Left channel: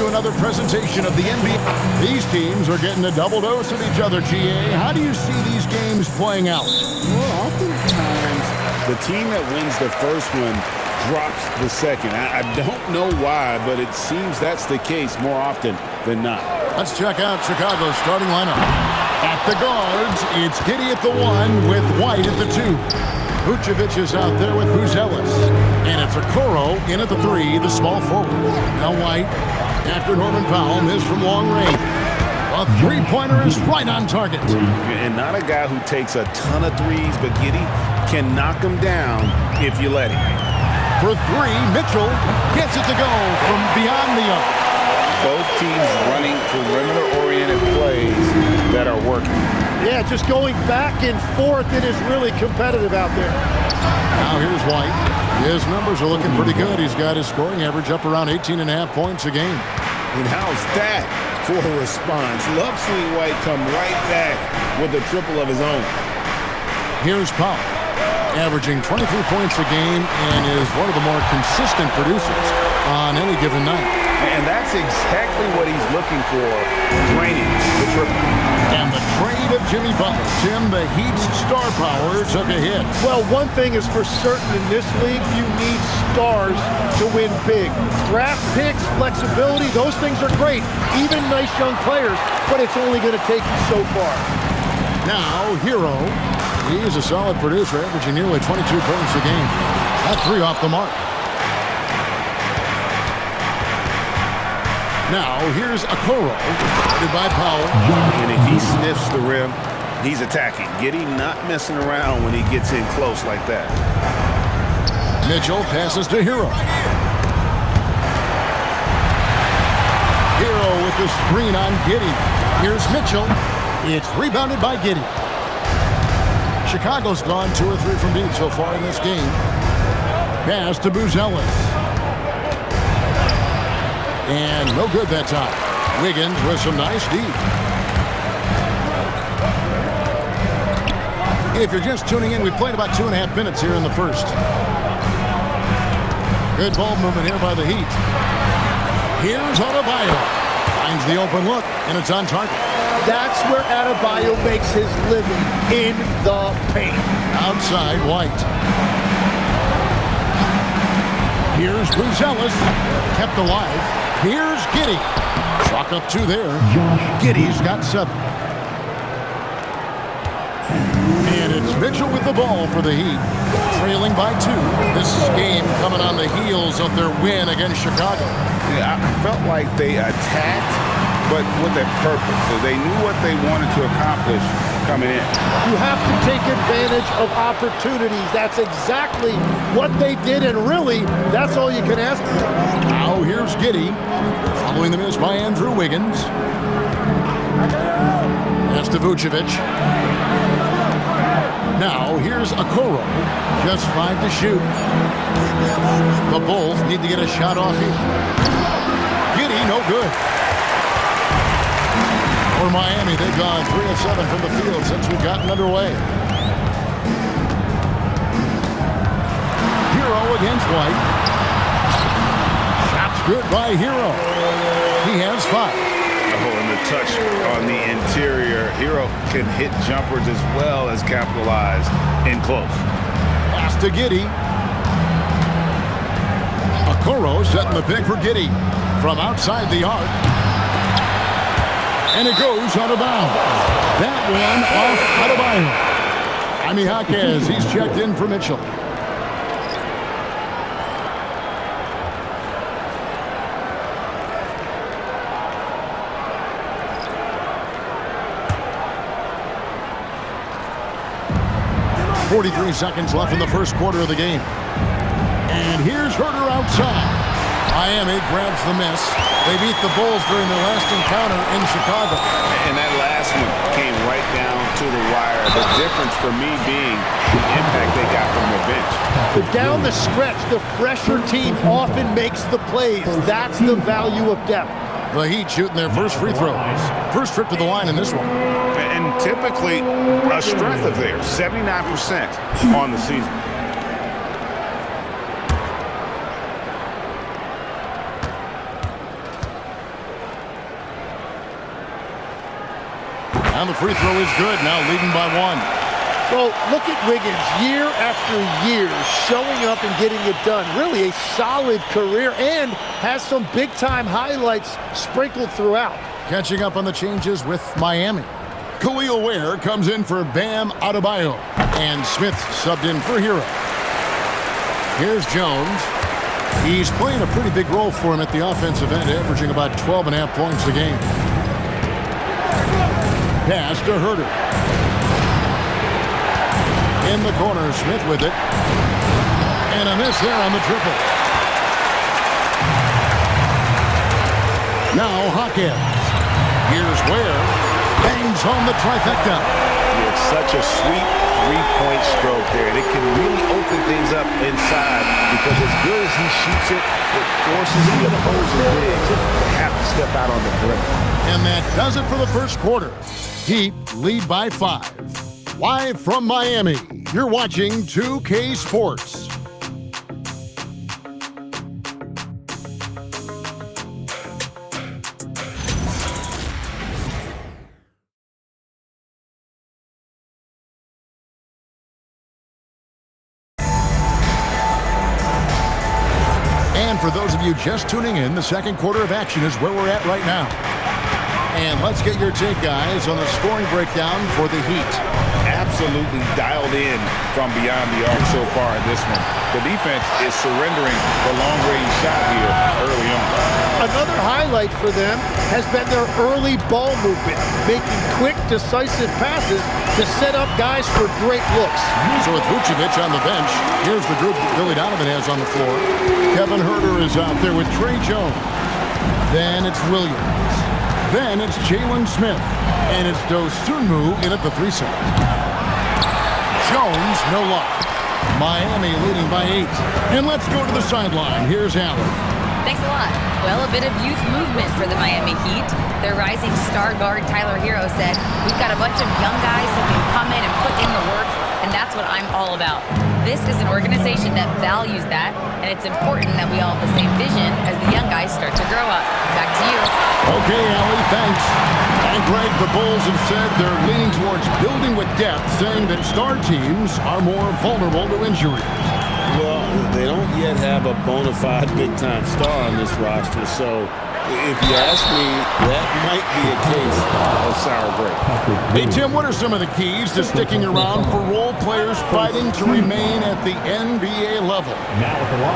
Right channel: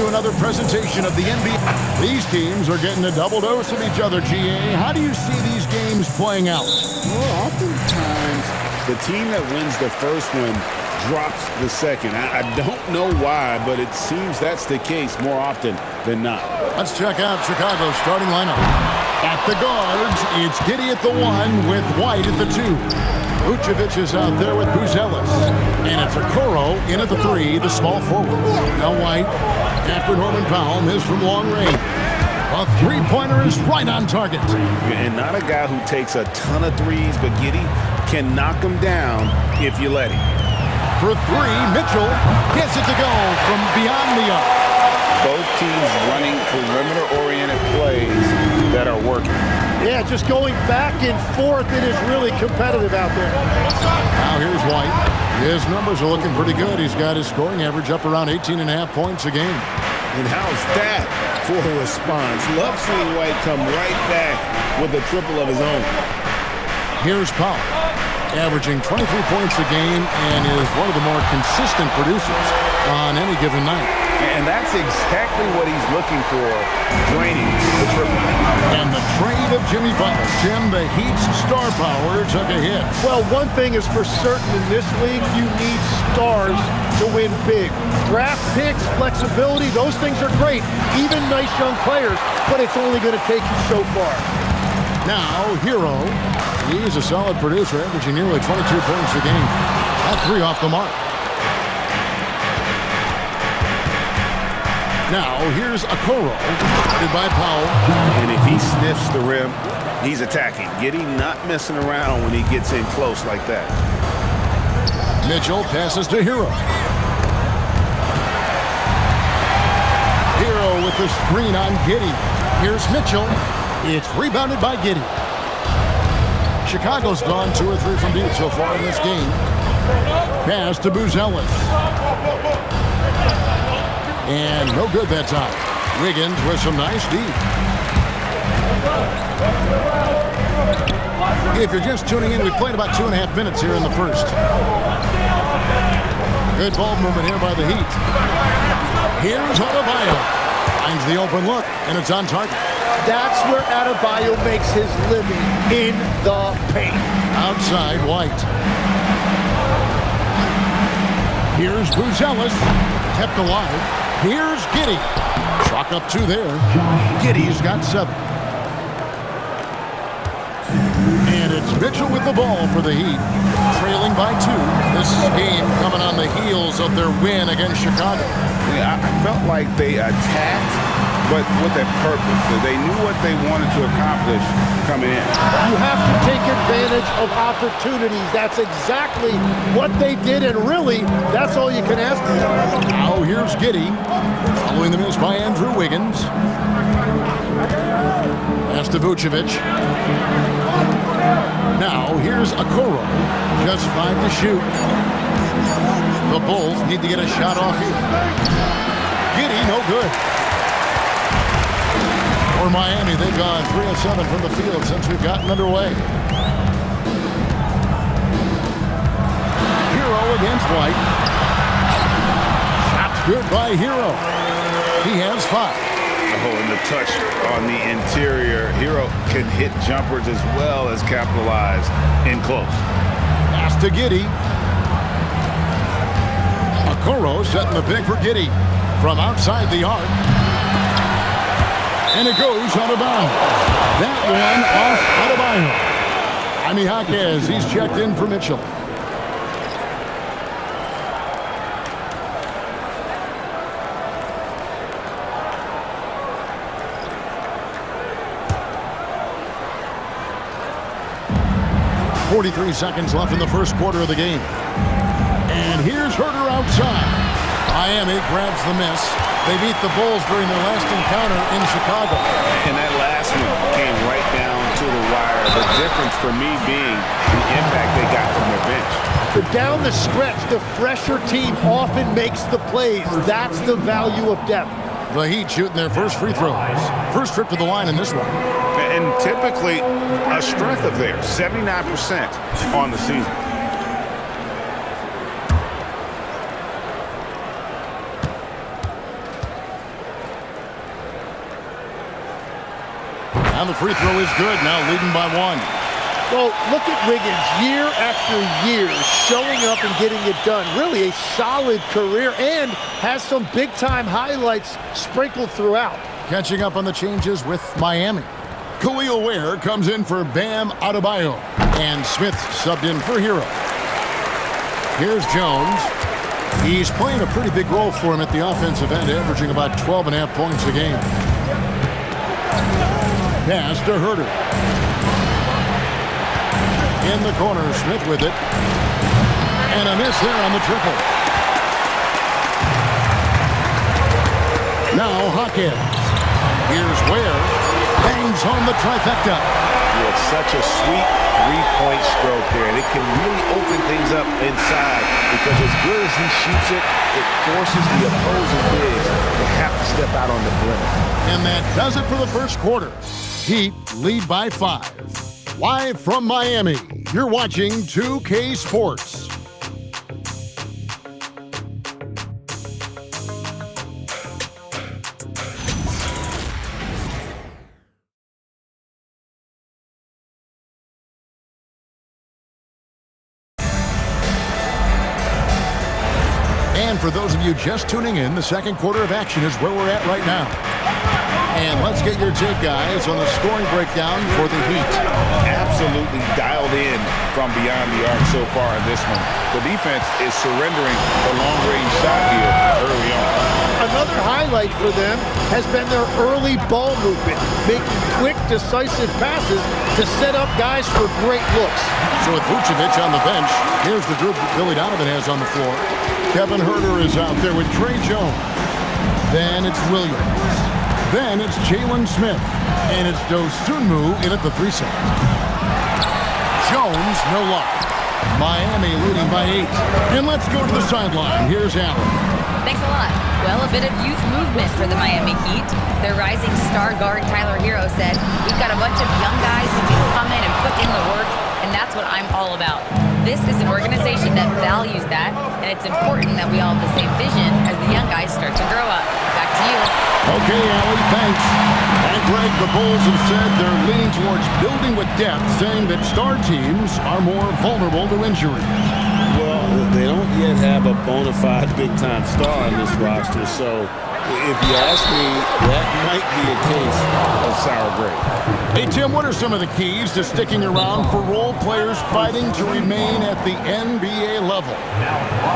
to another presentation of the NBA. These teams are getting a double dose of each other, GA. How do you see these games playing out? Well, oftentimes the team that wins the first one drops the second. I don't know why, but it seems that's the case more often than not. Let's check out Chicago's starting lineup. At the guards, it's Giddey at the 1 with White at the 2. Vucevic is out there with Buzelis. And it's Okoro in at the 3, the small forward. Now White, after Norman Powell, missed from long range. A three-pointer is right on target. And not a guy who takes a ton of threes, but Giddey can knock them down if you let him. For 3, Mitchell gets it to go from beyond the arc. Both teams running perimeter-oriented plays that are working. Yeah, just going back and forth. It is really competitive out there. Now here's White. His numbers are looking pretty good. He's got his scoring average up around 18.5 points a game. And how's that for a response? Love seeing White come right back with a triple of his own. Here's Powell, averaging 23 points a game and is one of the more consistent producers on any given night. And that's exactly what he's looking for, draining the triple. And the trade of Jimmy Butler. Tim, the Heat's star power took a hit. Well, one thing is for certain in this league, you need stars to win big. Draft picks, flexibility, those things are great. Even nice young players, but it's only going to take you so far. Now, Hero. He's a solid producer, averaging nearly 22 points a game. That 3 off the mark. Now, here's Okoro, guarded by Powell. And if he sniffs the rim, he's attacking. Giddey not messing around when he gets in close like that. Mitchell passes to Hero. Hero with the screen on Giddey. Here's Mitchell. It's rebounded by Giddey. Chicago's gone 2 or 3 from deep so far in this game. Pass to Buzelis. And no good that time. Wiggins with some nice D. If you're just tuning in, we've played about 2.5 minutes here in the first. Good ball movement here by the Heat. Here's Adebayo. Finds the open look, and it's on target. That's where Adebayo makes his living, in the paint. Outside, White. Here's Buzelis. Kept alive. Here's Giddey. Chalk up 2 there. Giddey's got 7. And it's Mitchell with the ball for the Heat. Trailing by 2. This game coming on the heels of their win against Chicago. Yeah, I felt like they attacked, but with a purpose. They knew what they wanted to accomplish coming in. You have to take advantage of opportunities. That's exactly what they did, and really, that's all you can ask for. Now here's Giddey, following the miss by Andrew Wiggins. Pass to Vucevic. Now here's Okoro, just 5 to shoot. The Bulls need to get a shot off here. Giddey, no good. For Miami, they've gone 3 of 7 from the field since we've gotten underway. Hero against White. Shot's good by Hero. He has 5. Oh, and the touch on the interior. Hero can hit jumpers as well as capitalize in close. Pass to Giddey. Okoro setting the pick for Giddey from outside the arc. And it goes out of bounds. That one off Adebayo. Jaime Jaquez, he's checked in for Mitchell. .43 seconds left in the first quarter of the game. And here's Herter outside. Miami grabs the miss. They beat the Bulls during their last encounter in Chicago. And that last one came right down to the wire. The difference for me being the impact they got from their bench. But down the stretch, the fresher team often makes the plays. That's the value of depth. The Heat shooting their first free throws. First trip to the line in this one. And typically a strength of theirs, 79% on the season. And the free throw is good, now leading by 1. Well, look at Wiggins year after year showing up and getting it done. Really a solid career and has some big-time highlights sprinkled throughout. Catching up on the changes with Miami. Khalil Ware comes in for Bam Adebayo. And Smith subbed in for Hero. Here's Jones. He's playing a pretty big role for him at the offensive end, averaging about 12.5 points a game. Pass to Herter. In the corner, Smith with it. And a miss there on the triple. Now Hawkins. Here's Ware. Bangs home the trifecta. Yeah, it's such a sweet three-point stroke there, and it can really open things up inside because as good as he shoots it, it forces the opposing bigs to have to step out on the perimeter. And that does it for the first quarter. Heat lead by 5. Live from Miami, you're watching 2K Sports. And for those of you just tuning in, the second quarter of action is where we're at right now. And let's get your take, guys, on the scoring breakdown for the Heat. Absolutely dialed in from beyond the arc so far in this one. The defense is surrendering the long-range shot here early on. Another highlight for them has been their early ball movement, making quick, decisive passes to set up guys for great looks. So with Vucevic on the bench, here's the group Billy Donovan has on the floor. Kevin Herter is out there with Trey Jones. Then it's Williams. Then it's Jalen Smith. And it's Dosunmu in at the 3 side. Jones, no luck. Miami leading by 8. And let's go to the sideline. Here's Allen. Thanks a lot. Well, a bit of youth movement for the Miami Heat. Their rising star guard, Tyler Hero, said, "We've got a bunch of young guys who can come in and put in the work, and that's what I'm all about." This is an organization that values that, and it's important that we all have the same vision as the young guys start to grow up. Back to you. Okay, Allie, thanks. And Greg, the Bulls have said they're leaning towards building with depth, saying that star teams are more vulnerable to injuries. Well, they don't yet have a bona fide big-time star on this roster, so if you ask me, that might be a case of sour grapes. Hey, Tim, what are some of the keys to sticking around for role players fighting to remain at the NBA level?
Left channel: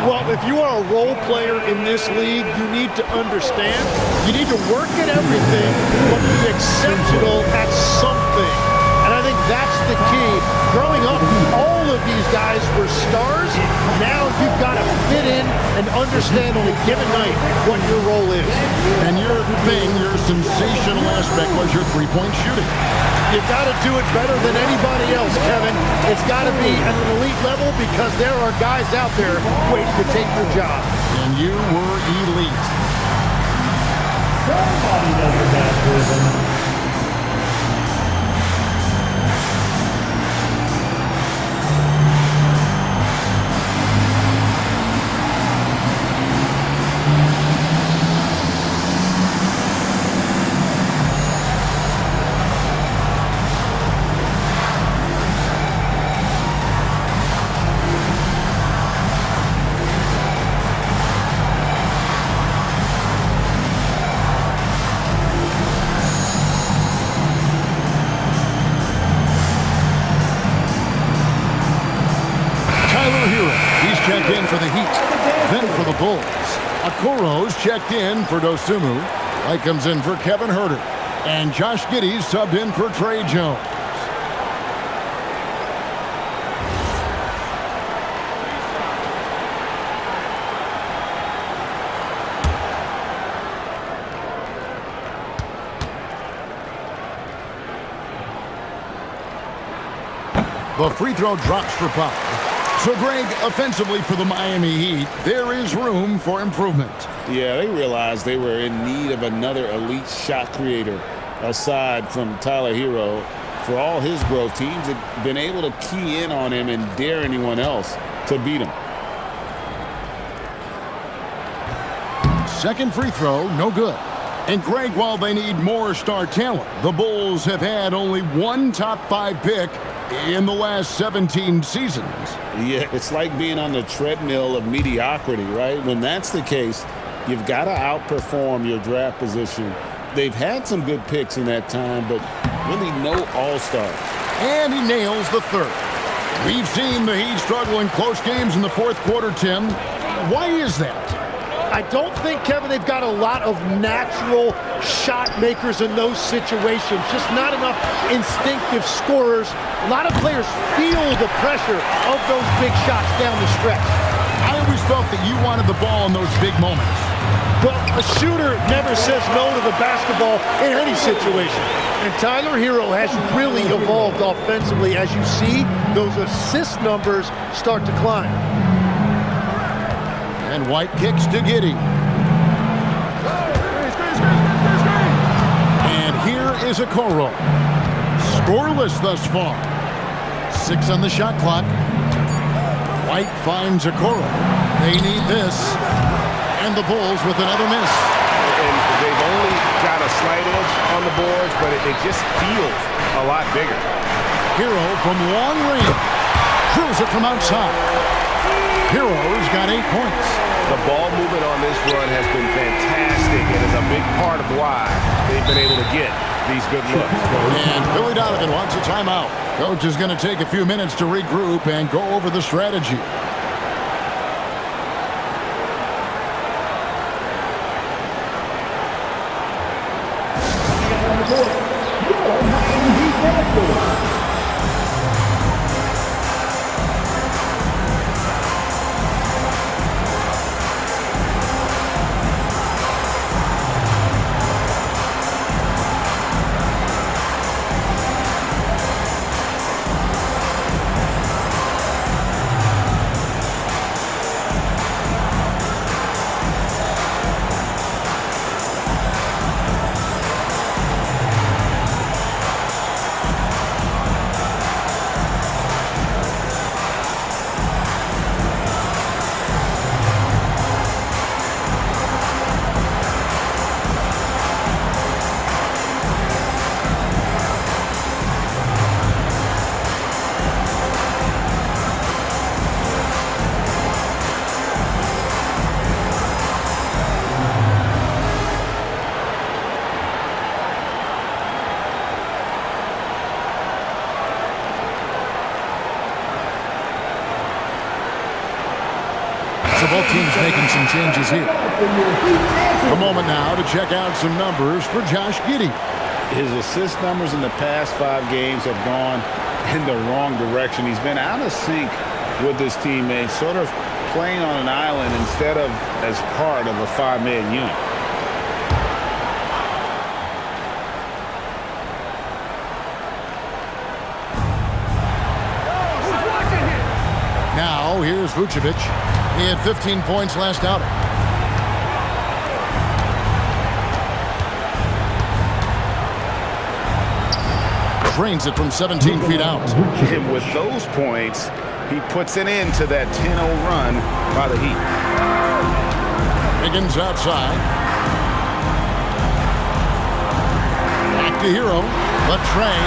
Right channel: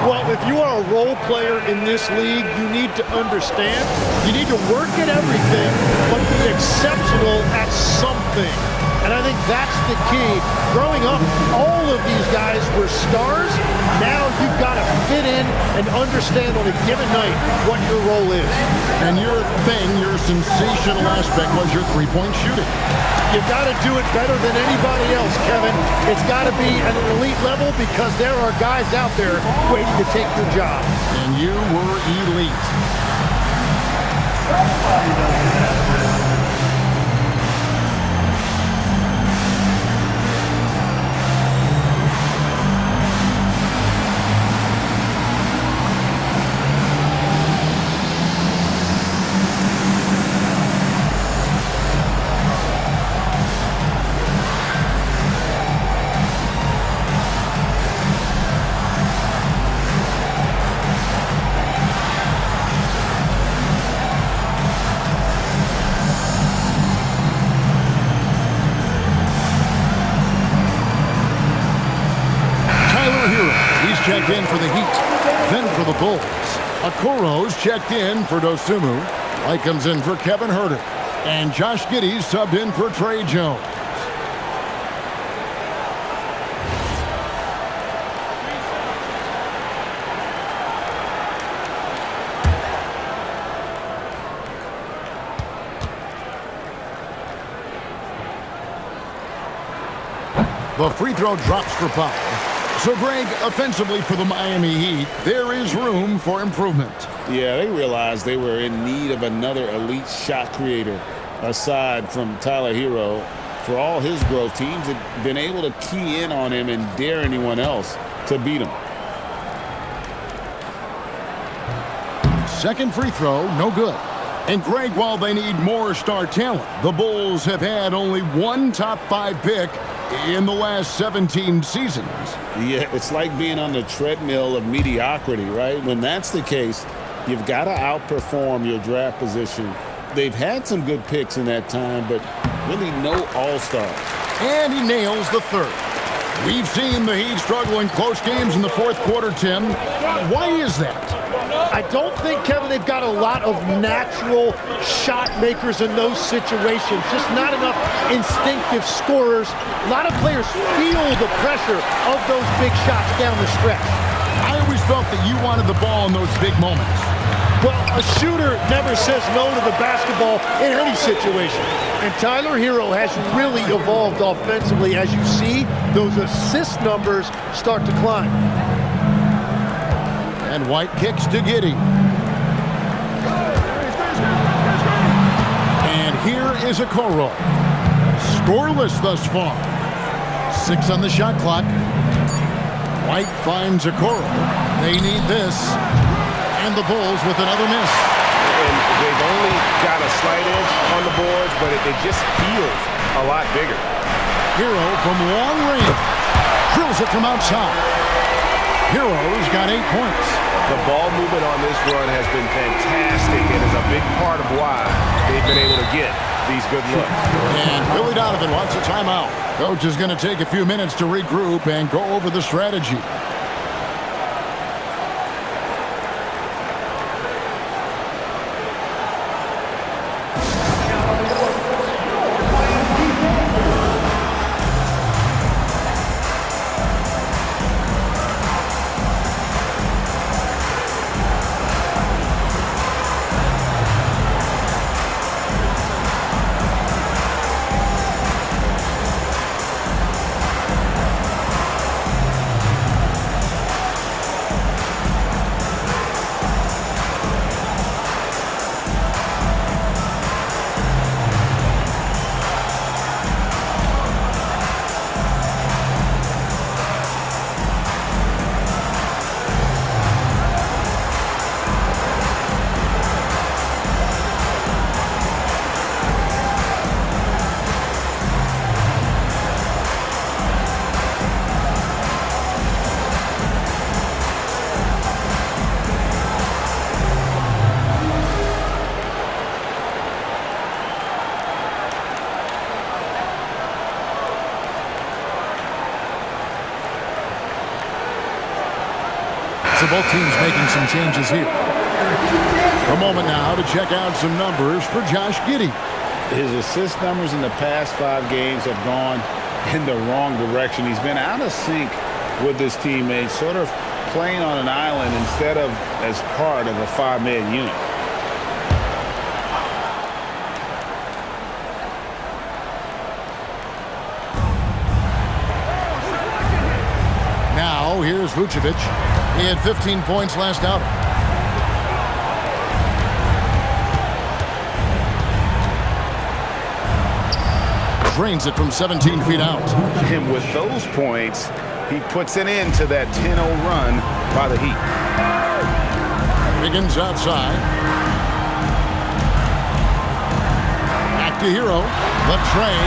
Well, if you are a role player in this league, you need to understand you need to work at everything, but be exceptional at something. And I think that's the key. Growing up, all of these guys were stars. Now you've got to fit in and understand on a given night what your role is. And your sensational aspect was your three-point shooting. You've got to do it better than anybody else, Kevin. It's got to be at an elite level because there are guys out there waiting to take your job. And you were elite. Somebody knows what that's doing. Tyler Hero, he's checked in for the Heat, then for the Bulls. Okoro's checked in for Dosunmu. White comes in for Kevin Herter. And Josh Giddey subbed in for Trey Jones. The free throw drops for Powell. So, Greg, offensively for the Miami Heat, there is room for improvement. Yeah, they realized they were in need of another elite shot creator aside from Tyler Hero. For all his growth, teams had been able to key in on him and dare anyone else to beat him. Second free throw, no good. And Greg, while they need more star talent, the Bulls have had only one top 5 pick in the last 17 seasons. Yeah, it's like being on the treadmill of mediocrity, right? When that's the case, you've got to outperform your draft position. They've had some good picks in that time, but really no all-stars. And he nails the third. We've seen the Heat struggle in close games in the fourth quarter, Tim. Why is that? I don't think, Kevin, they've got a lot of natural shot makers in those situations. Just not enough instinctive scorers. A lot of players feel the pressure of those big shots down the stretch. I always felt that you wanted the ball in those big moments. Well, a shooter never says no to the basketball in any situation. And Tyler Hero has really evolved offensively. As you see, those assist numbers start to climb. And White kicks to Giddey. And here is Okoro. Scoreless thus far. 6 on the shot clock. White finds Okoro. They need this. And the Bulls with another miss. And they've only got a slight edge on the boards, but it just feels a lot bigger. Hero from long range. Drills it from outside. Hero's got 8 points. The ball movement on this run has been fantastic and is a big part of why they've been able to get these good looks. And Billy Donovan wants a timeout. Coach is going to take a few minutes to regroup and go over the strategy. So both teams making some changes here. A moment now to check out some numbers for Josh Giddey. His assist numbers in the past 5 games have gone in the wrong direction. He's been out of sync with his teammates, sort of playing on an island instead of as part of a 5-man unit. Now here's Vucevic. He had 15 points last outing. Drains it from 17 feet out. And with those points, he puts an end to that 10-0 run by the Heat. Higgins outside. Back to Hero. The tray.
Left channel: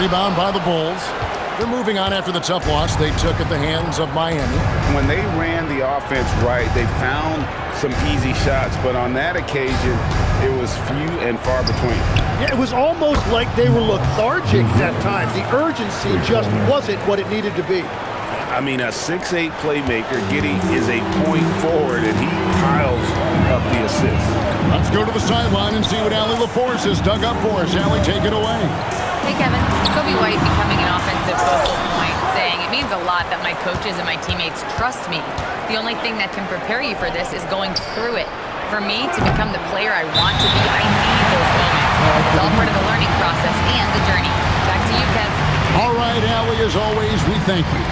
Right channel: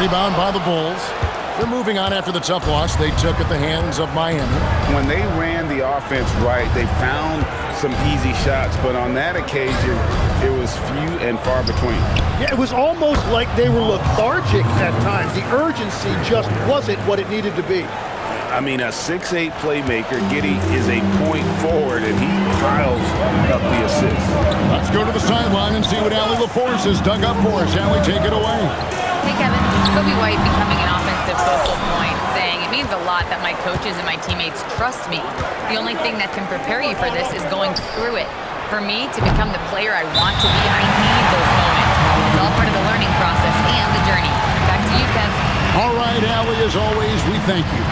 Rebound by the Bulls. They're moving on after the tough loss they took at the hands of Miami. When they ran the offense right, they found some easy shots, but on that occasion, it was few and far between. Yeah, it was almost like they were lethargic at times. The urgency just wasn't what it needed to be. I mean, a 6'8 playmaker, Giddey is a point forward, and he piles up the assists. Let's go to the sideline and see what Allie LaForce has dug up for us. Allie, take it away. Hey, Kevin. Kobe White becoming an offensive focal point, saying it means a lot that my coaches and my teammates trust me. The only thing that can prepare you for this is going through it. For me to become the player I want to be, I need those moments. It's all part of the learning process and the journey. Back to you, Kev. All right, Allie, as always, we thank you.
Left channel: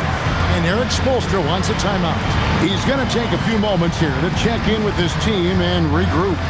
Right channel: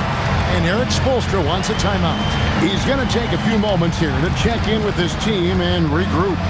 And Eric Spoelstra wants a timeout. He's going to take a few moments here to check in with his team and regroup.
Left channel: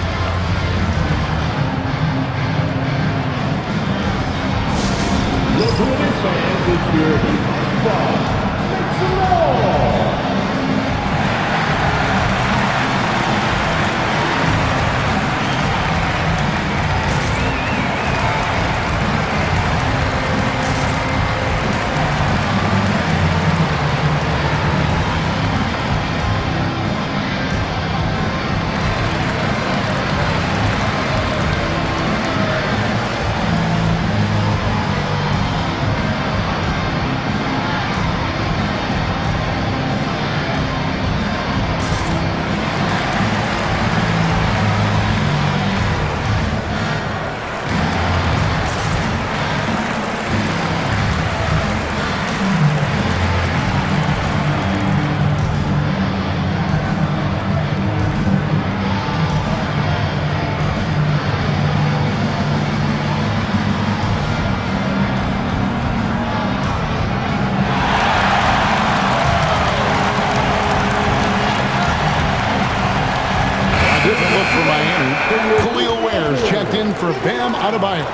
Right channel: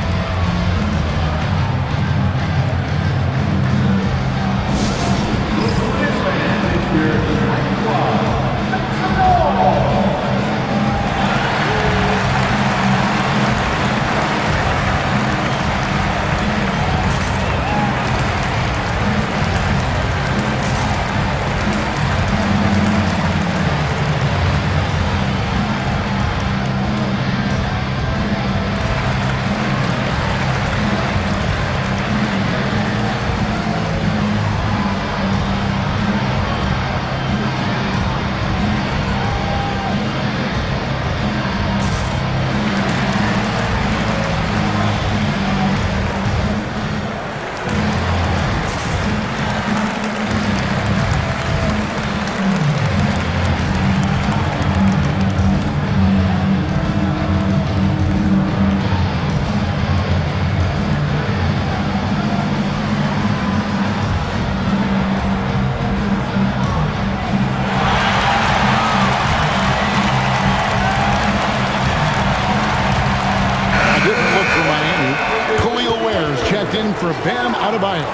checked in for Bam Adebayo.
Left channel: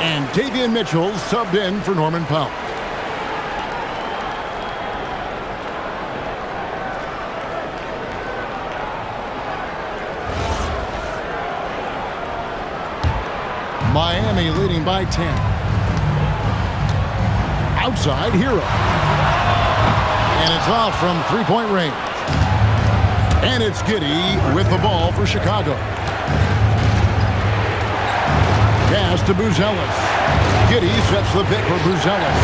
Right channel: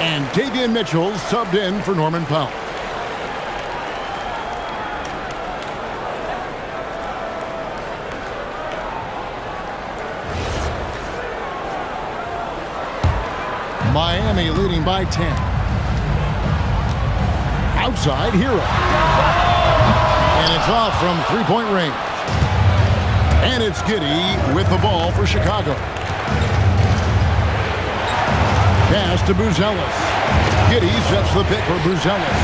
And Davian Mitchell subbed in for Norman Powell. Miami leading by 10. Outside, Hero. And it's off from three-point range. And it's Giddey with the ball for Chicago. Pass to Buzelis. Giddey sets the pick for Buzelis.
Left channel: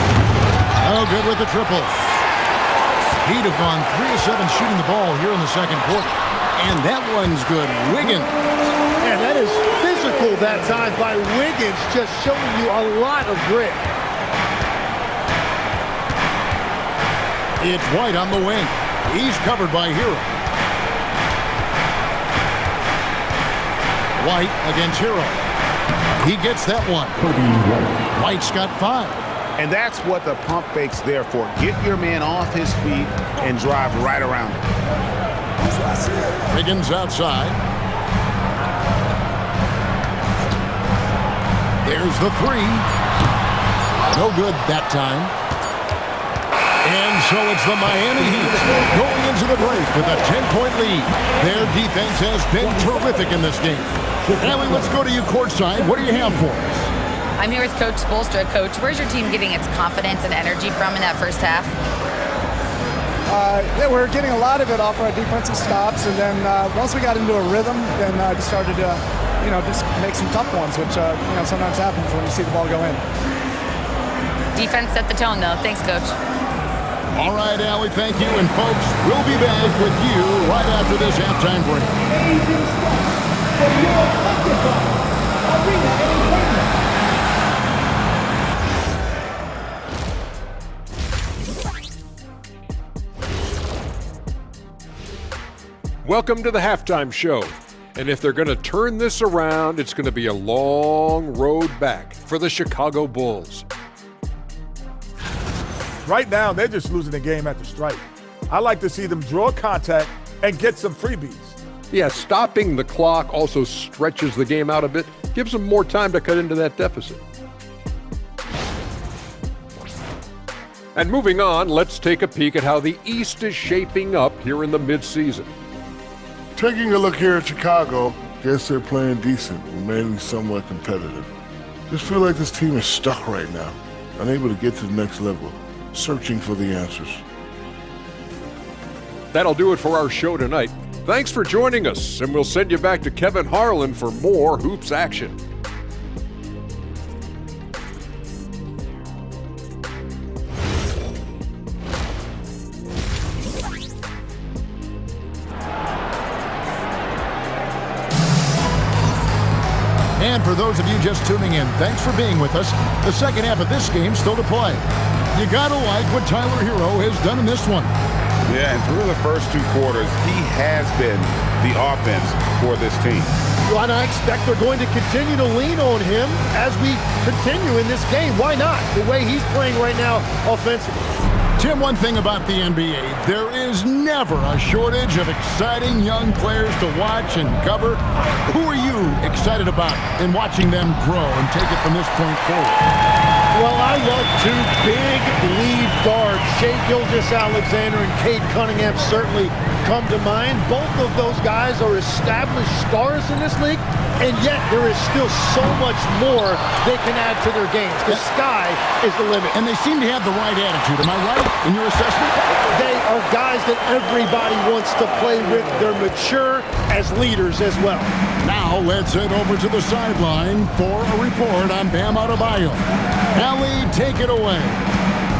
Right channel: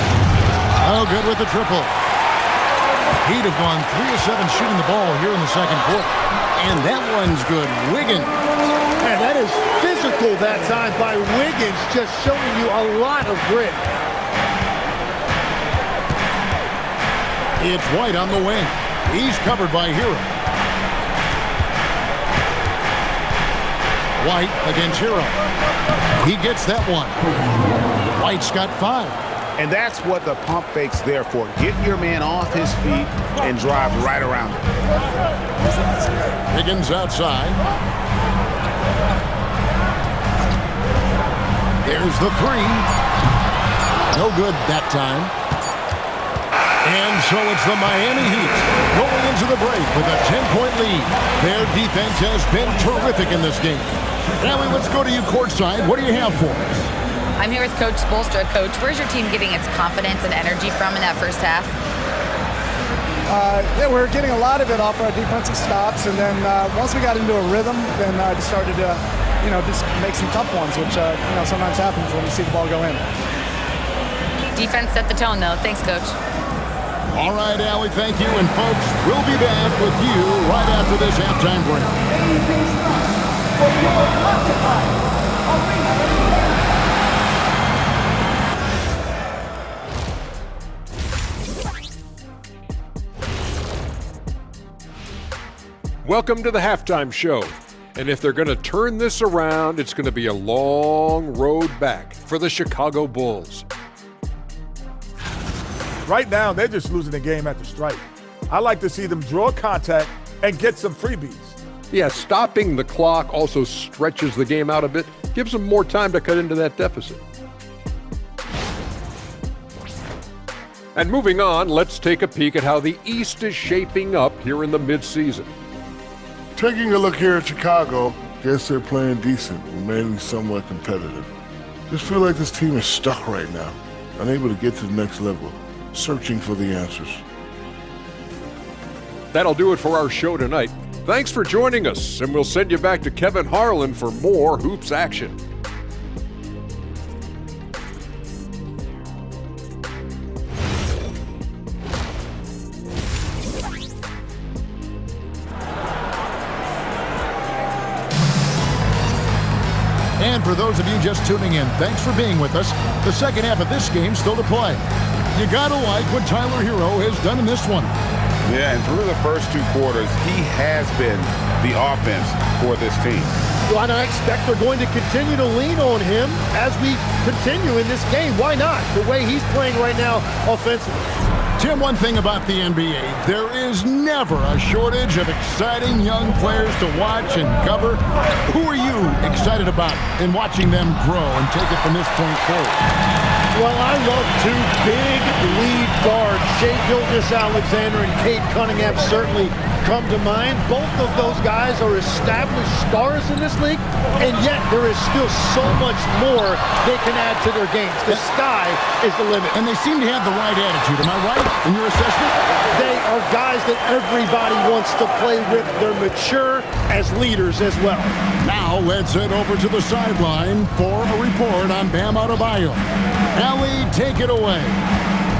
Oh, good with the triple. Heat have gone 3 of 7 shooting the ball here in the second quarter. And that one's good. Wiggins. And that is physical that time by Wiggins, just showing you a lot of grit. It's White on the wing. He's covered by Hero. White against Hero. He gets that one. White's got 5. And that's what the pump fake's there for. Get your man off his feet and drive right around him. Wiggins outside. There's the 3. No good that time. And so it's the Miami Heat going into the break with a 10-point lead. Their defense has been terrific in this game. Allie, let's go to you courtside. What do you have for us? I'm here with Coach Spoelstra. Coach, where's your team getting its confidence and energy from in that first half? Yeah, we're getting a lot of it off our defensive stops, and then once we got into a rhythm, then just started to, just make some tough ones, which sometimes happens when you see the ball go in. Defense set the tone, though. Thanks, Coach. All right, Allie, thank you. And folks, we'll be back with you right after this halftime break. Welcome to the halftime show. And if they're going to turn this around, it's going to be a long road back for the Chicago Bulls. Right now, they're just losing the game at the stripe. I like to see them draw contact and get some freebies. Yeah, stopping the clock also stretches the game out a bit, gives them more time to cut into that deficit. And moving on, let's take a peek at how the East is shaping up here in the midseason. Taking a look here at Chicago, guess they're playing decent, remaining somewhat competitive. Just feel like this team is stuck right now, unable to get to the next level, searching for the answers. That'll do it for our show tonight. Thanks for joining us, and we'll send you back to Kevin Harlan for more hoops action. And for those of you just tuning in, thanks for being with us. The second half of this game still to play. You gotta like what Tyler Hero has done in this one. Yeah, and through the first 2 quarters, he has been the offense for this team. Well, and I expect they're going to continue to lean on him as we continue in this game. Why not? The way he's playing right now offensively. Tim, one thing about the NBA, there is never a shortage of exciting young players to watch and cover. Who are you excited about in watching them grow and take it from this point forward? Well, I love 2 big lead guards. Shai Gilgeous-Alexander and Cade Cunningham certainly come to mind. Both of those guys are established stars in this league, and yet there is still so much more they can add to their games. The sky is the limit. And they seem to have the right attitude. Am I right in your assessment? They are guys that everybody wants to play with. They're mature as leaders as well. Now let's head over to the sideline for a report on Bam Adebayo. Allie, take it away.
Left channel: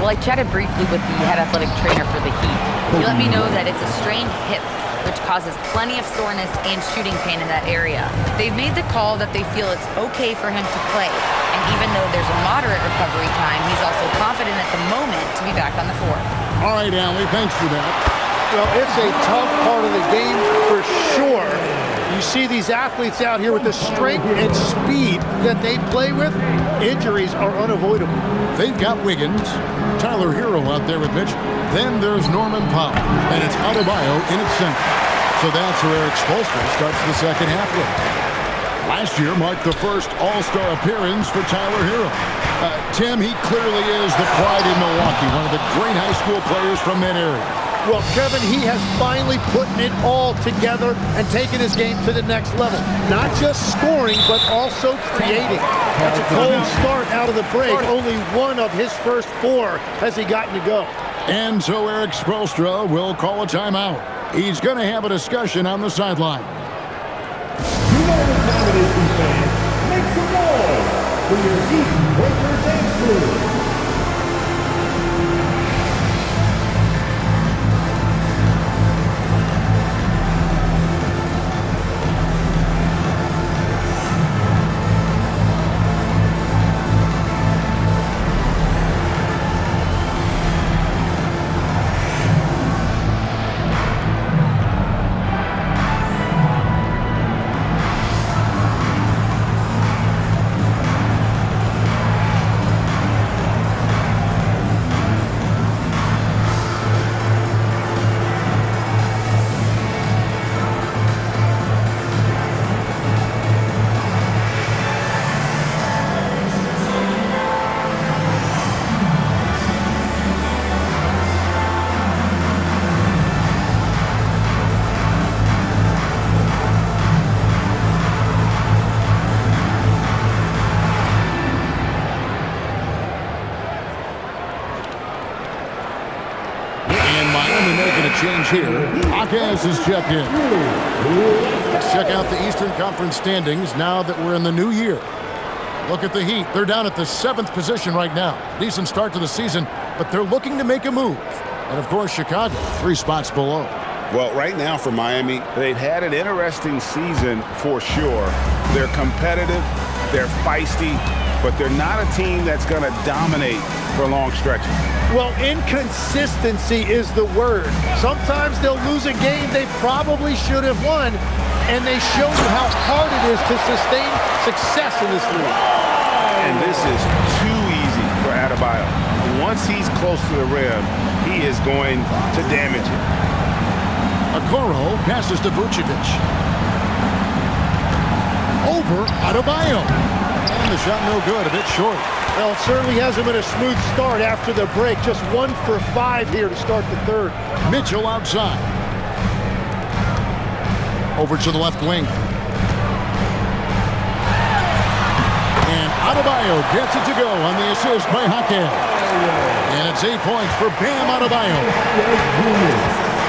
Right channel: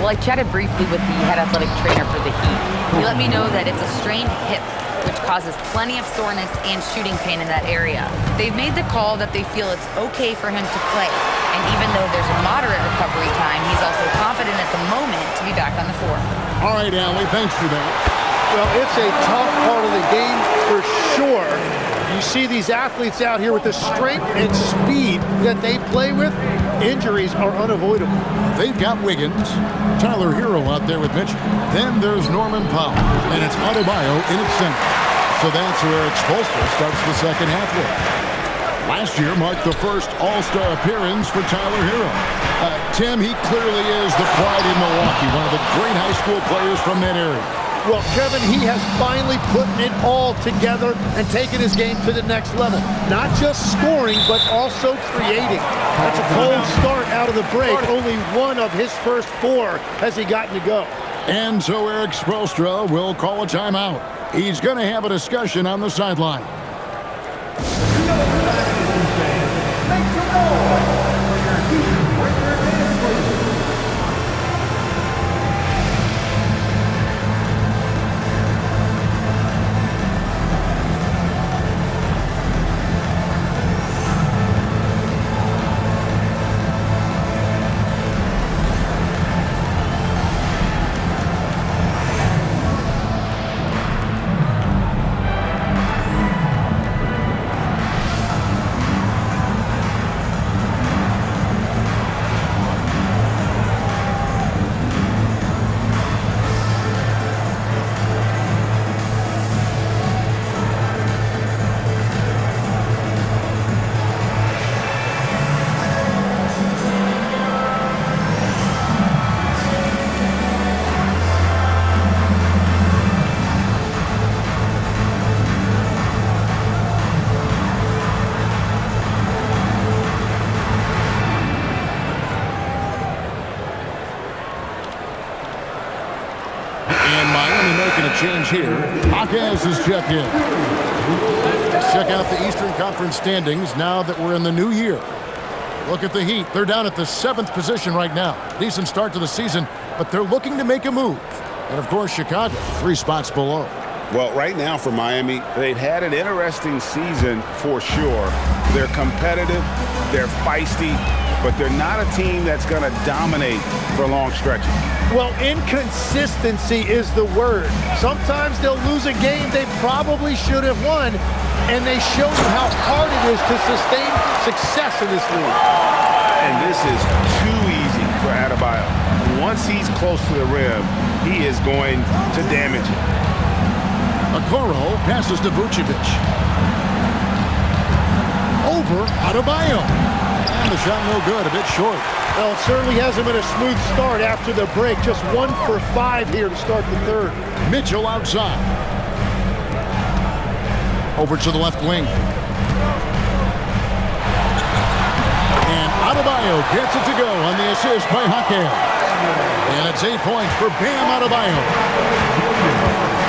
Well, I chatted briefly with the head athletic trainer for the Heat. He let me know that it's a strained hip, which causes plenty of soreness and shooting pain in that area. They've made the call that they feel it's okay for him to play. And even though there's a moderate recovery time, he's also confident at the moment to be back on the floor. All right, Allie, thanks for that. Well, it's a tough part of the game for sure. You see these athletes out here with the strength and speed that they play with. Injuries are unavoidable. They've got Wiggins, Tyler Hero out there with Mitchell. Then there's Norman Powell, and it's Adebayo in its center. So that's where Eric Spoelstra starts the second half with. Last year marked the first All-Star appearance for Tyler Hero. Tim, he clearly is the pride in Milwaukee, one of the great high school players from that area. Well, Kevin, he has finally put it all together and taken his game to the next level. Not just scoring, but also creating. That's a cold start out of the break. Only one of his first 4 has he gotten to go. And so Eric Spoelstra will call a timeout. He's going to have a discussion on the sideline. You know what time it is, fans. Make some noise for your Heat Breaker dance crew. Miami making a change here. Jaquez is checked in. Let's check out the Eastern Conference standings now that we're in the new year. Look at the Heat. They're down at the 7th position right now. Decent start to the season, but they're looking to make a move. And, of course, Chicago, 3 spots below. Well, right now for Miami, they've had an interesting season for sure. They're competitive, they're feisty, but they're not a team that's going to dominate for long stretches. Well, inconsistency is the word. Sometimes they'll lose a game they probably should have won, and they show you how hard it is to sustain success in this league. And this is too easy for Adebayo. Once he's close to the rim, he is going to damage it. Okoro passes to Vucevic. Over Adebayo. And the shot no good, a bit short. Well, it certainly hasn't been a smooth start after the break. Just 1 for 5 here to start the third. Mitchell outside. Over to the left wing. And Adebayo gets it to go on the assist by Jaquez. And it's 8 points for Bam Adebayo.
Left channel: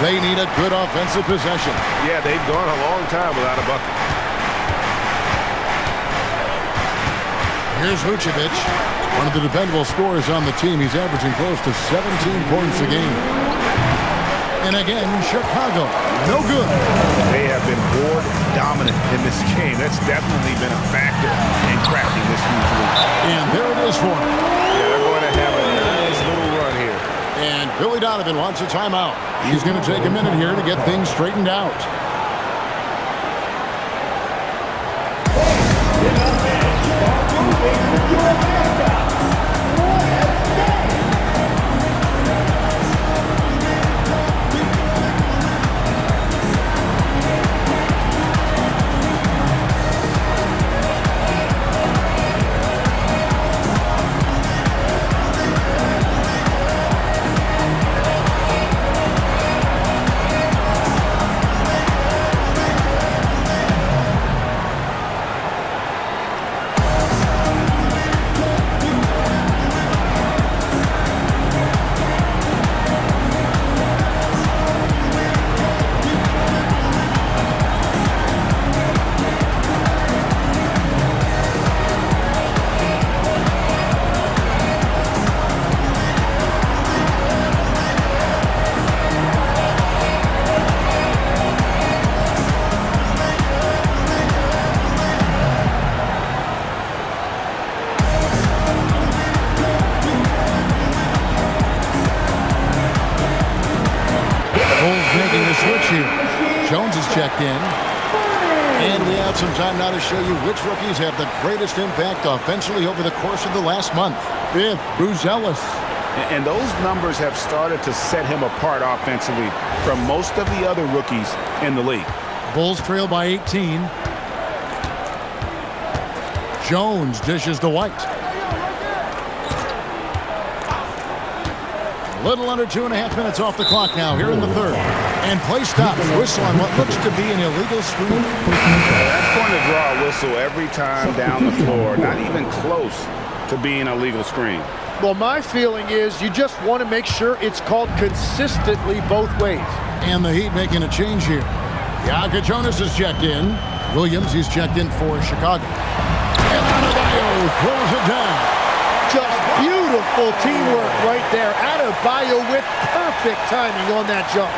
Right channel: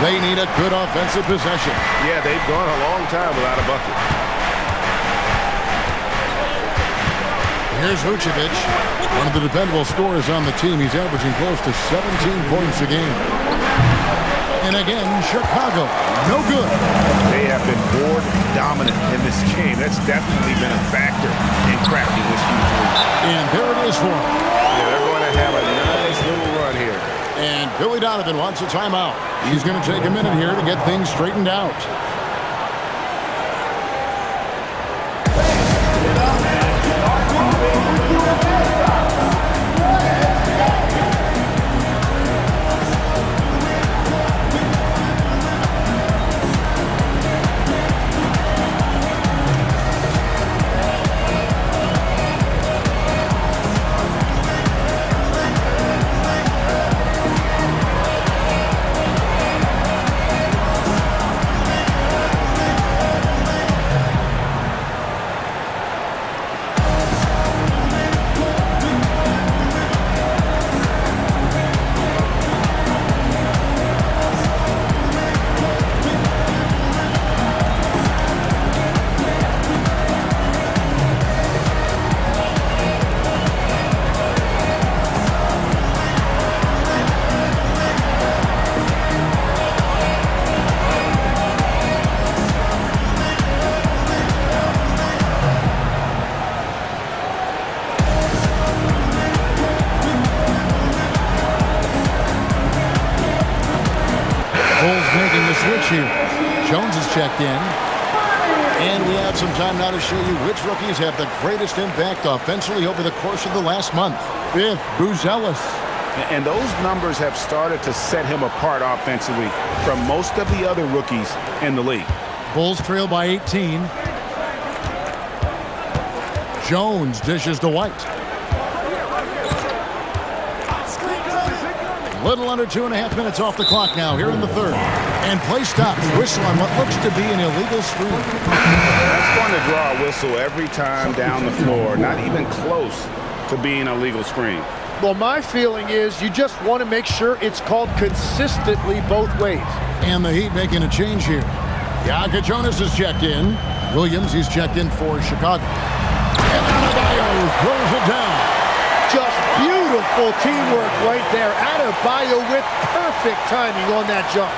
They need a good offensive possession. Yeah, they've gone a long time without a bucket. Here's Vucevic, one of the dependable scorers on the team. He's averaging close to 17 points a game. And again, Chicago, no good. They have been board dominant in this game. That's definitely been a factor in crafting this huge lead. And there it is for them. Yeah, they're going to have a nice little run here. And Billy Donovan wants a timeout. He's going to take a minute here to get things straightened out. Making a switch here. Jones is checked in. And we have some time now to show you which rookies have the greatest impact offensively over the course of the last month. 5th, Booz Ellis. And those numbers have started to set him apart offensively from most of the other rookies in the league. Bulls trail by 18. Jones dishes to White. A little under 2.5 minutes off the clock now here in the third. And play stops. Whistle on what looks to be an illegal screen. That's going to draw a whistle every time down the floor. Not even close to being a legal screen. Well, my feeling is you just want to make sure it's called consistently both ways. And the Heat making a change here. Jonas is checked in. Williams, he's checked in for Chicago. And Adebayo throws it down. Just beautiful teamwork right there. Adebayo with perfect timing on that jump.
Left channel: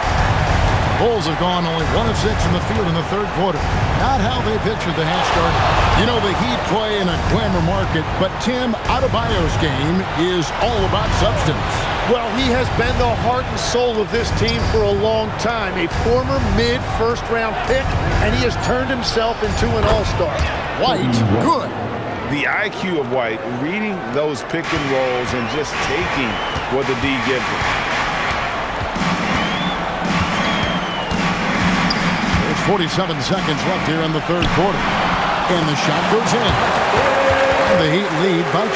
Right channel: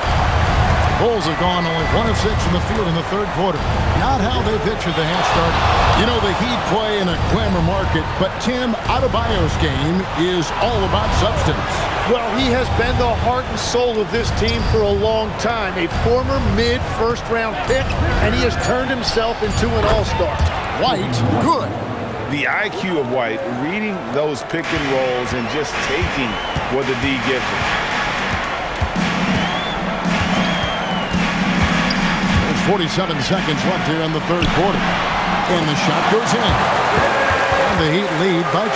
Bulls have gone only 1 of 6 in the field in the third quarter. Not how they pictured the half started. You know, the Heat play in a glamour market, but Tim, Adebayo's game is all about substance. Well, he has been the heart and soul of this team for a long time. A former mid-first-round pick, and he has turned himself into an all-star. White, good. The IQ of White, reading those pick and rolls and just taking what the D gives him. There's 47 seconds left here in the third quarter. And the shot goes in. And the Heat lead by 20.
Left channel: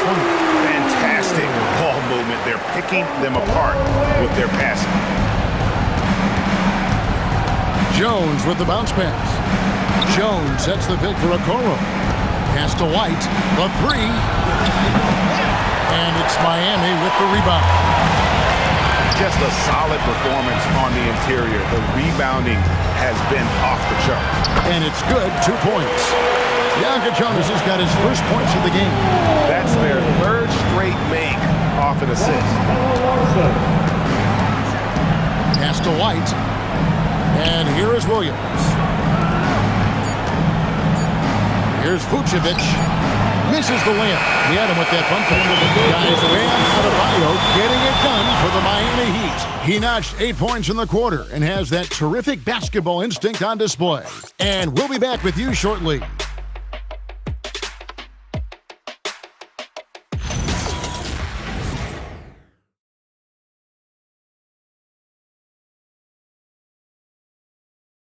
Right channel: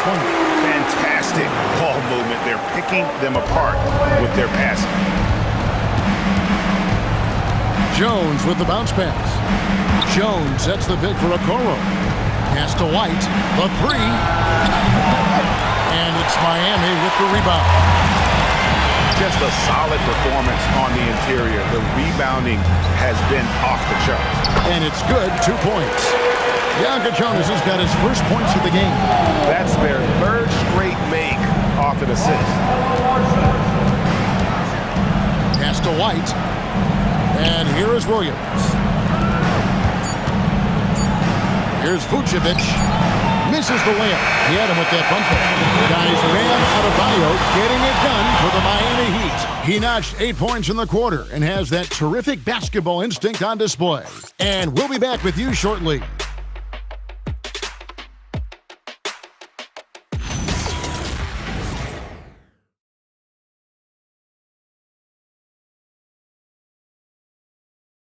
Fantastic ball movement. They're picking them apart with their passing. Jones with the bounce pass. Jones sets the pick for Okoro. Pass to White. The three. And it's Miami with the rebound. Just a solid performance on the interior. The rebounding has been off the charts. And it's good, 2 points. Jonas has got his first points of the game. That's their third straight make off an assist. Pass to White. And here is Williams. Here's Vucevic. Misses the layup. He had him with that bump fake. Guys, Bam Adebayo getting it done for the Miami Heat. He notched 8 points in the quarter and has that terrific basketball instinct on display. And we'll be back with you shortly.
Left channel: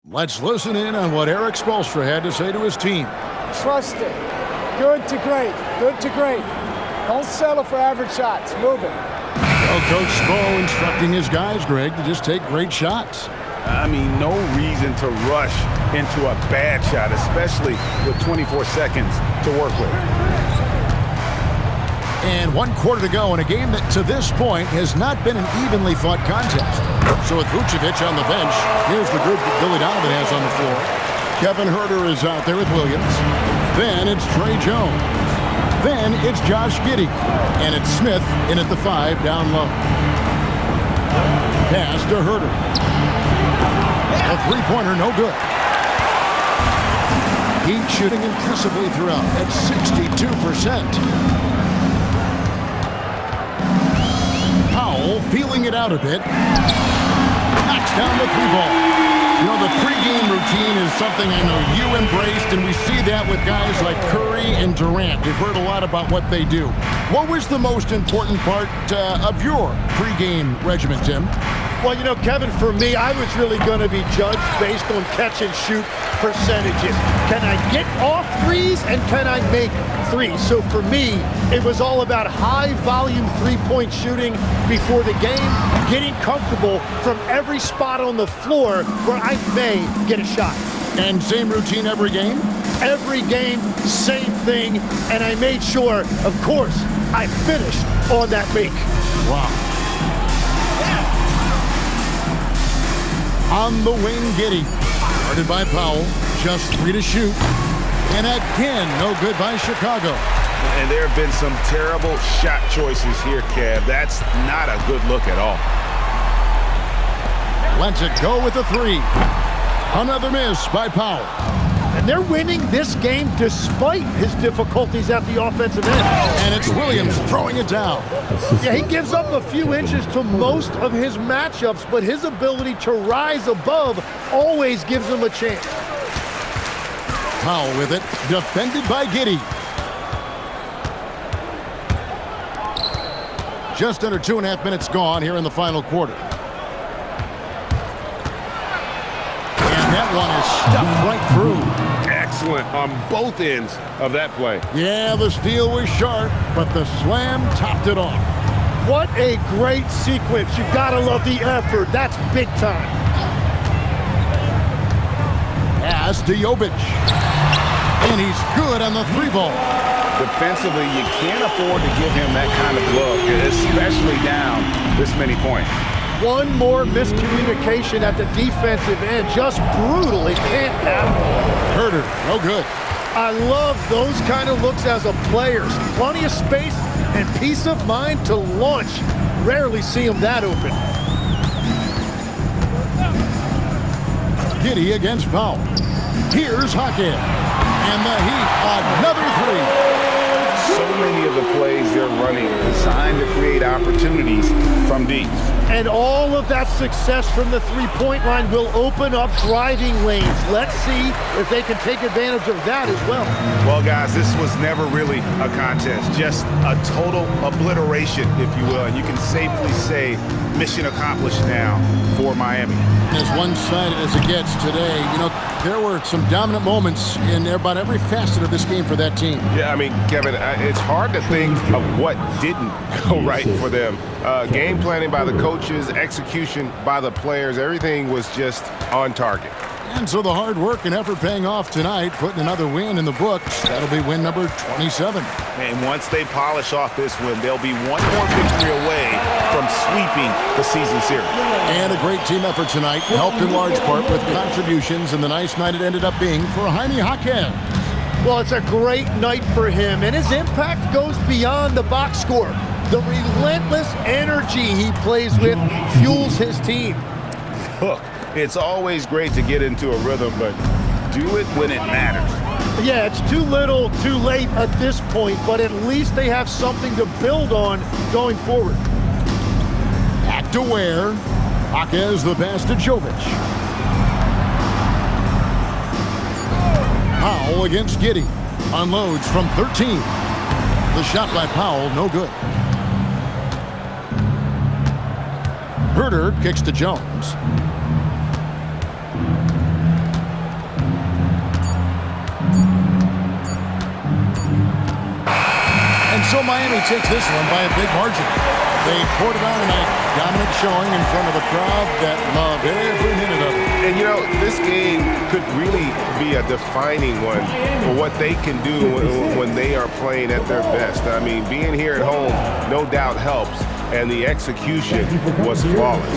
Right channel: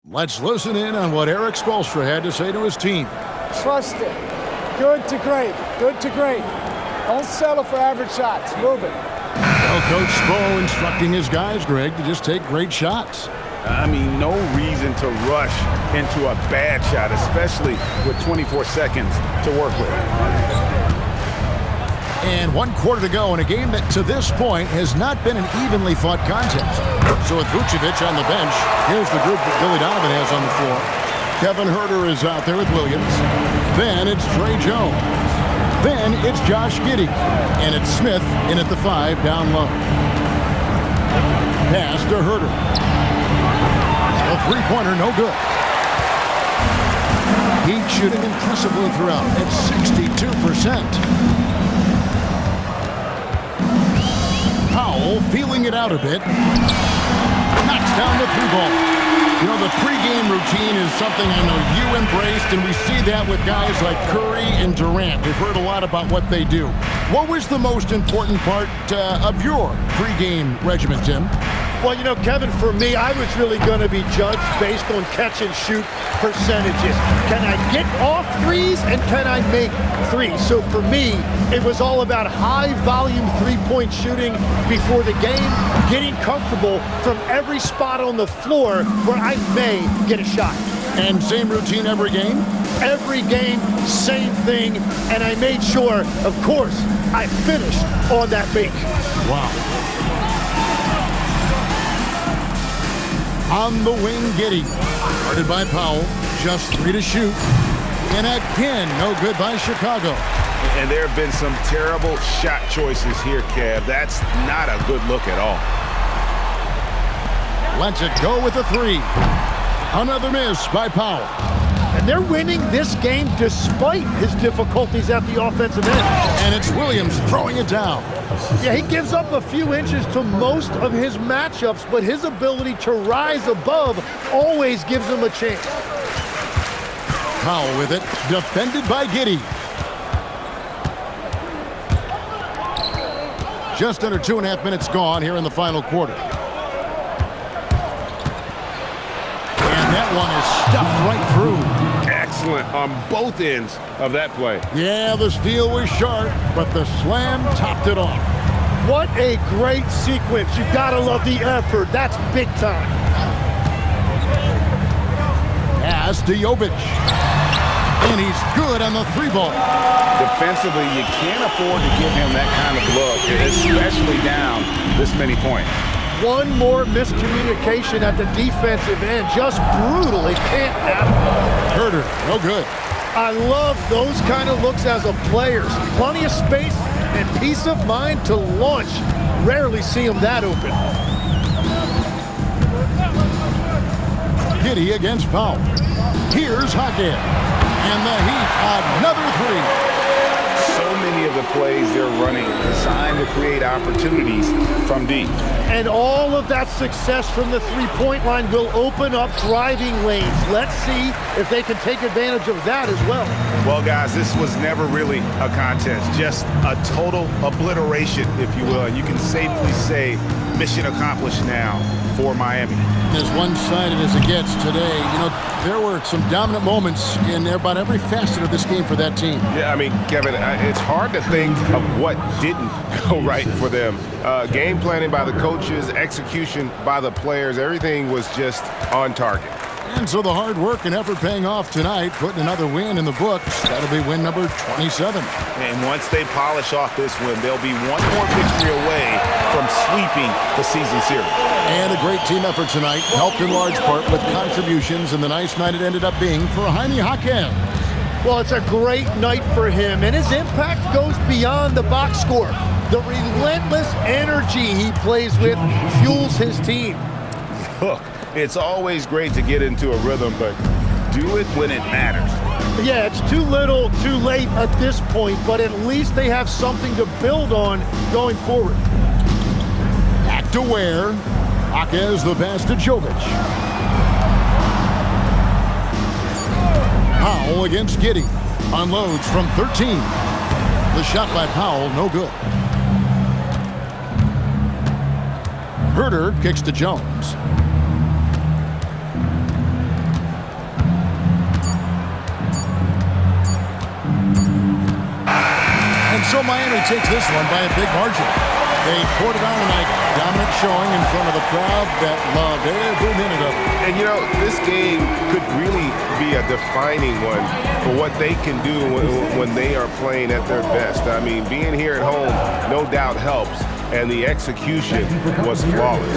Let's listen in on what Eric Spoelstra had to say to his team. Trust it. Good to great. Good to great. Don't settle for average shots. Move it. Well, Coach Spo instructing his guys, Greg, to just take great shots. I mean, no reason to rush into a bad shot, especially with 24 seconds to work with. And 1 quarter to go in a game that, to this point, has not been an evenly fought contest. So with Vucevic on the bench, here's the group that Billy Donovan has on the floor. Kevin Huerter is out there with Williams. Then it's Trey Jones. Then it's Josh Giddey. And it's Smith in at the 5 down low. Pass to Huerter. A three-pointer, no good. Heat shooting impressively throughout at 62%. Powell feeling it out a bit. Knocks down the 3-ball. You know, the pregame routine is something I know you embraced, and we see that with guys like Curry and Durant. We've heard a lot about what they do. What was the most important part of your pregame regimen, Tim? Well, you know, Kevin, for me, I was really going to be judged based on catch-and-shoot percentages. Can I get off threes, and can I make threes? So for me, it was all about high-volume three-point shooting before the game, getting comfortable from every spot on the floor where I may get a shot. And same routine every game? Every game, same thing, and I made sure, of course, I finished on that make. Wow. On the wing, Giddey. Guarded by Powell. Just 3 to shoot. And again, no good by Chicago. And there have been some terrible shot choices here, Kev. That's not a good look at all. Lets it go with a 3. Another miss by Powell. And they're winning this game despite his difficulties at the offensive end. And it's Williams throwing it down. Yeah, he gives up a few inches to most of his matchups, but his ability to rise above always gives him a chance. Powell with it, defended by Giddey. Just under 2.5 minutes gone here in the final quarter. And that one is stuffed right through. excellent on both ends of that play. Yeah, the steal was sharp, but the slam topped it off. What a great sequence. You gotta love the effort. That's big time. Pass to Jovic. And he's good on the 3-ball. Defensively, you can't afford to give him that kind of look, especially down this many points. One more miscommunication at the defensive end. Just brutal. It can't happen. Huerter, no good. I love those kind of looks as a player. Plenty of space and peace of mind to launch. Rarely see him that open. Giddey against Powell. Here's Hackett. And the Heat, another 3. So many of the plays they're running designed to create opportunities from deep. And all of that success from the three-point line will open up driving lanes. Let's see if they can take advantage of that as well. Well, guys, this was never really a contest, just a total obliteration, if you will. And you can safely say mission accomplished now for Miami. As one-sided as it gets today, you know, there were some dominant moments in about every facet of this game for that team. Yeah, I mean, Kevin, it's hard to think of what didn't go right for them. Game planning by the coaches, execution by the players, everything was just on target. And so the hard work and effort paying off tonight, putting another win in the books. That'll be win number 27. And once they polish off this win, they'll be one more victory away from sweeping the season series. And a great team effort tonight, helped in large part with contributions, and the nice night it ended up being for Jaime Jaquez. Well, it's a great night for him, and his impact goes beyond the box score. The relentless energy he plays with fuels his team. Look, it's always great to get into a rhythm, but do it when it matters. Yeah, it's too little, too late at this point, but at least they have something to build on going forward. Back to Ware. Jaquez the pass to Jovic. Powell against Giddey. Unloads from 13. The shot by Powell, no good. Huerter kicks to Jones. And so Miami takes this one by a big margin. They poured it on tonight. Dominant showing in front of a crowd that loved every minute of it. And, you know, this game could really be a defining one for what they can do when they are playing at their best. I mean, being here at home no doubt helps, and the execution was flawless.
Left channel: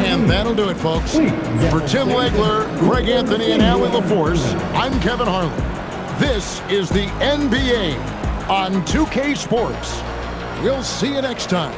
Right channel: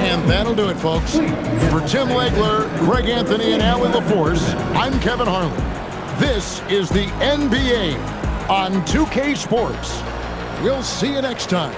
And that'll do it, folks. For Tim Legler, Greg Anthony, and Allie LaForce, I'm Kevin Harlan. This is the NBA on 2K Sports. We'll see you next time.